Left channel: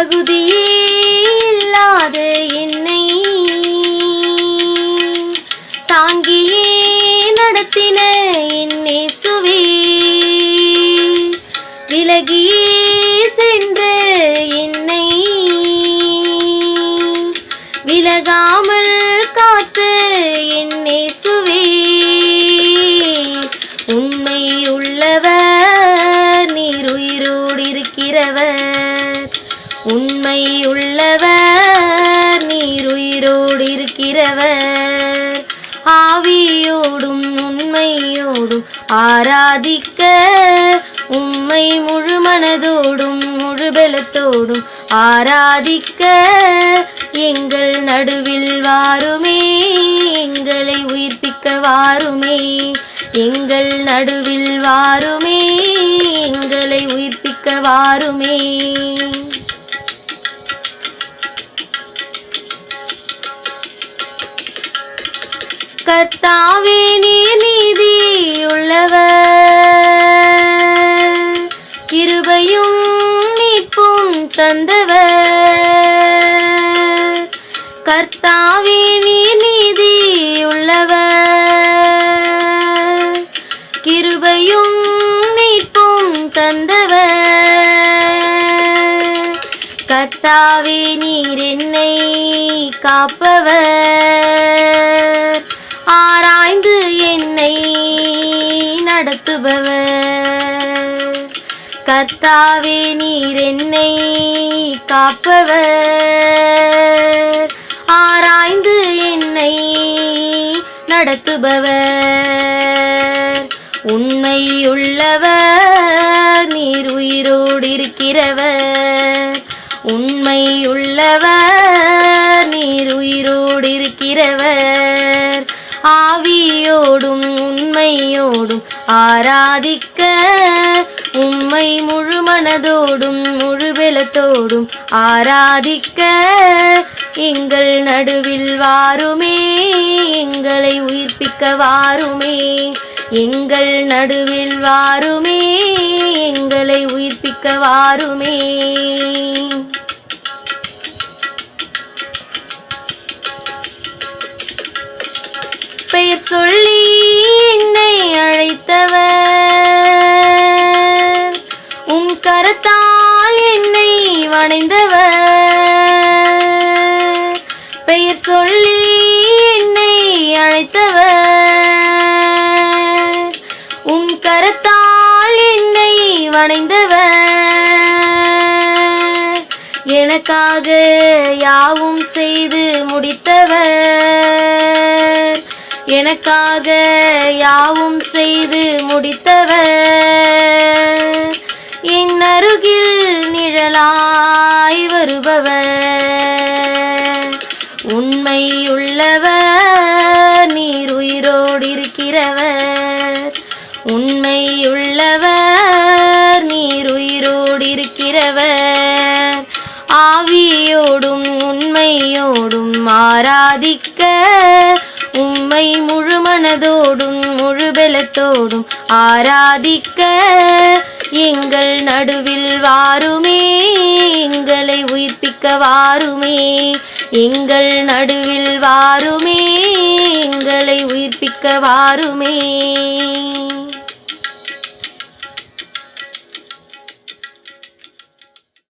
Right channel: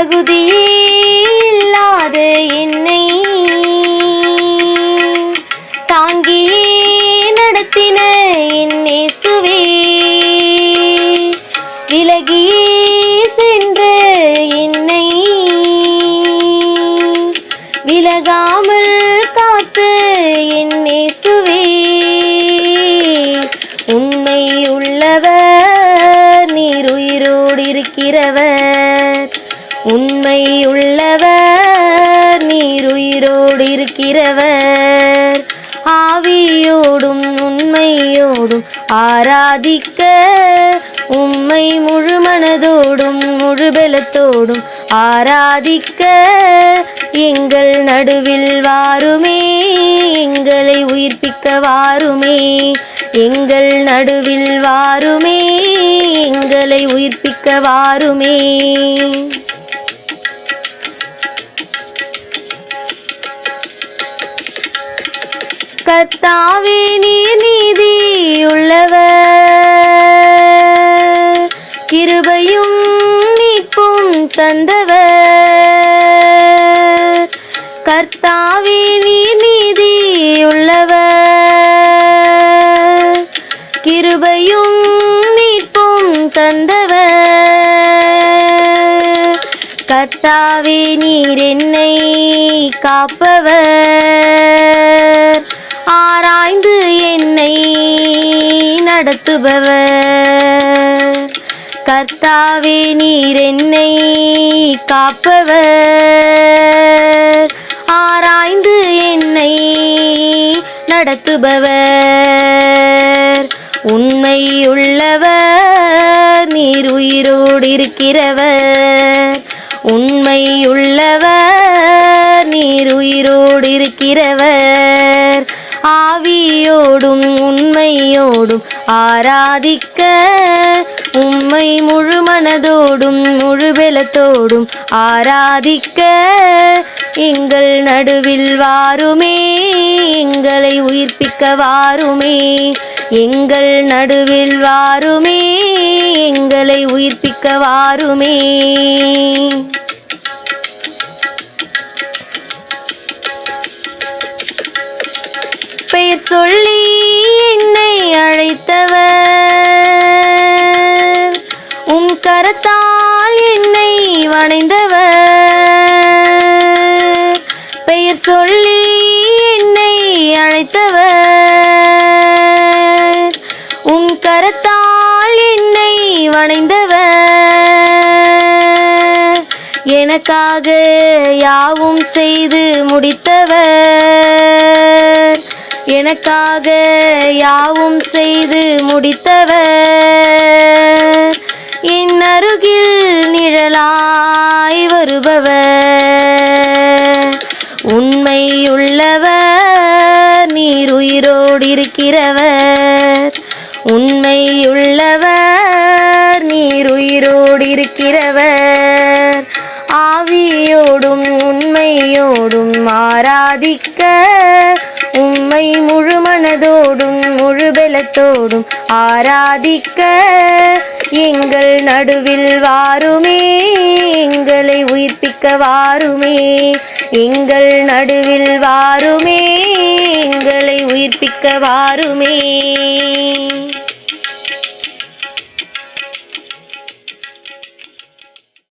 தகுதியில்லாத என்னை தாங்கி நடத்தின என் இயேசுவே, விலகி சென்ற என்னை விலகாமல் காத்து என் இயேசுவே, உண்மை உள்ளவர் நீர் உயிரோடு இருக்கிறவர், உண்மை உள்ளவர் நீர் உயிரோடு இருக்கிறவர், ஆவியோடும் உண்மையோடும் ஆராதிக்க உம்மை முழு மனதோடும் முழு பலத்தோடும் ஆராதிக்க எங்கள் நடுவில் வாருமே, எங்களை உயிர்ப்பிக்க வாருமே, எங்கள் நடுவில் வாருமே, எங்களை உயிர்ப்பிக்க வாருமே. கர்த்தாவே நீர் நீதி உள்ளவர், கிருபையும் மீட்பும் தந்தவர். கர்த்தாவே நீர் நீதி உள்ளவர், கிருபையும் மீட்பும் தந்தவர். கர்த்தாவே நீர் என்னை காப்பவர், ஆராய்ந்து என்னை நடத்துபவர். கர்த்தாவே நீர் என்னை காப்பவர், ஆராய்ந்து என்னை நடத்துபவர். உண்மையுள்ளவர் நீர் உயிரோடு இருக்கிறவர், உண்மையுள்ளவர் நீர் உயிரோடு இருக்கிறவர், ஆவியோடும் உண்மையோடும் ஆராதிக்க உம்மை முழு மனதோடும் முழு பலத்தோடும் ஆராதிக்க எங்கள் நடுவில் வாருமே, எங்களை உயிர்ப்பிக்க வாருமே, எங்கள் நடுவில் வாருமே, எங்களை உயிர்ப்பிக்க வாருமே. பெயர் சொல்லி என்னை அழைத்தவர், உம் கரத்தால் என்னை வணைந்தவர். பெயர் சொல்லி என்னை அழைத்தவர், உம் கரத்தால் என்னை வணைந்தவர். எனக்காக யாவும் செய்து முடித்தவர், எனக்காக யாவும் செய்து முடித்தவர். என் அருகில் நிழலாய் வருபவர், உண்மையுள்ளவர் நீர் உயிரோடு இருக்கிறவர், உண்மையுள்ளவர் நீர் உயிரோடு இருக்கிறவர், ஆவியோடும் உண்மையோடும் ஆராதிக்க உம்மை முழு மனதோடும் முழு பலத்தோடும் ஆராதிக்க எங்கள் நடுவில் வாருமே, எங்களை உயிர்ப்பிக்க வாருமே, எங்கள் நடுவில் வாருமே, எங்களை உயிர்ப்பிக்க வாருமே.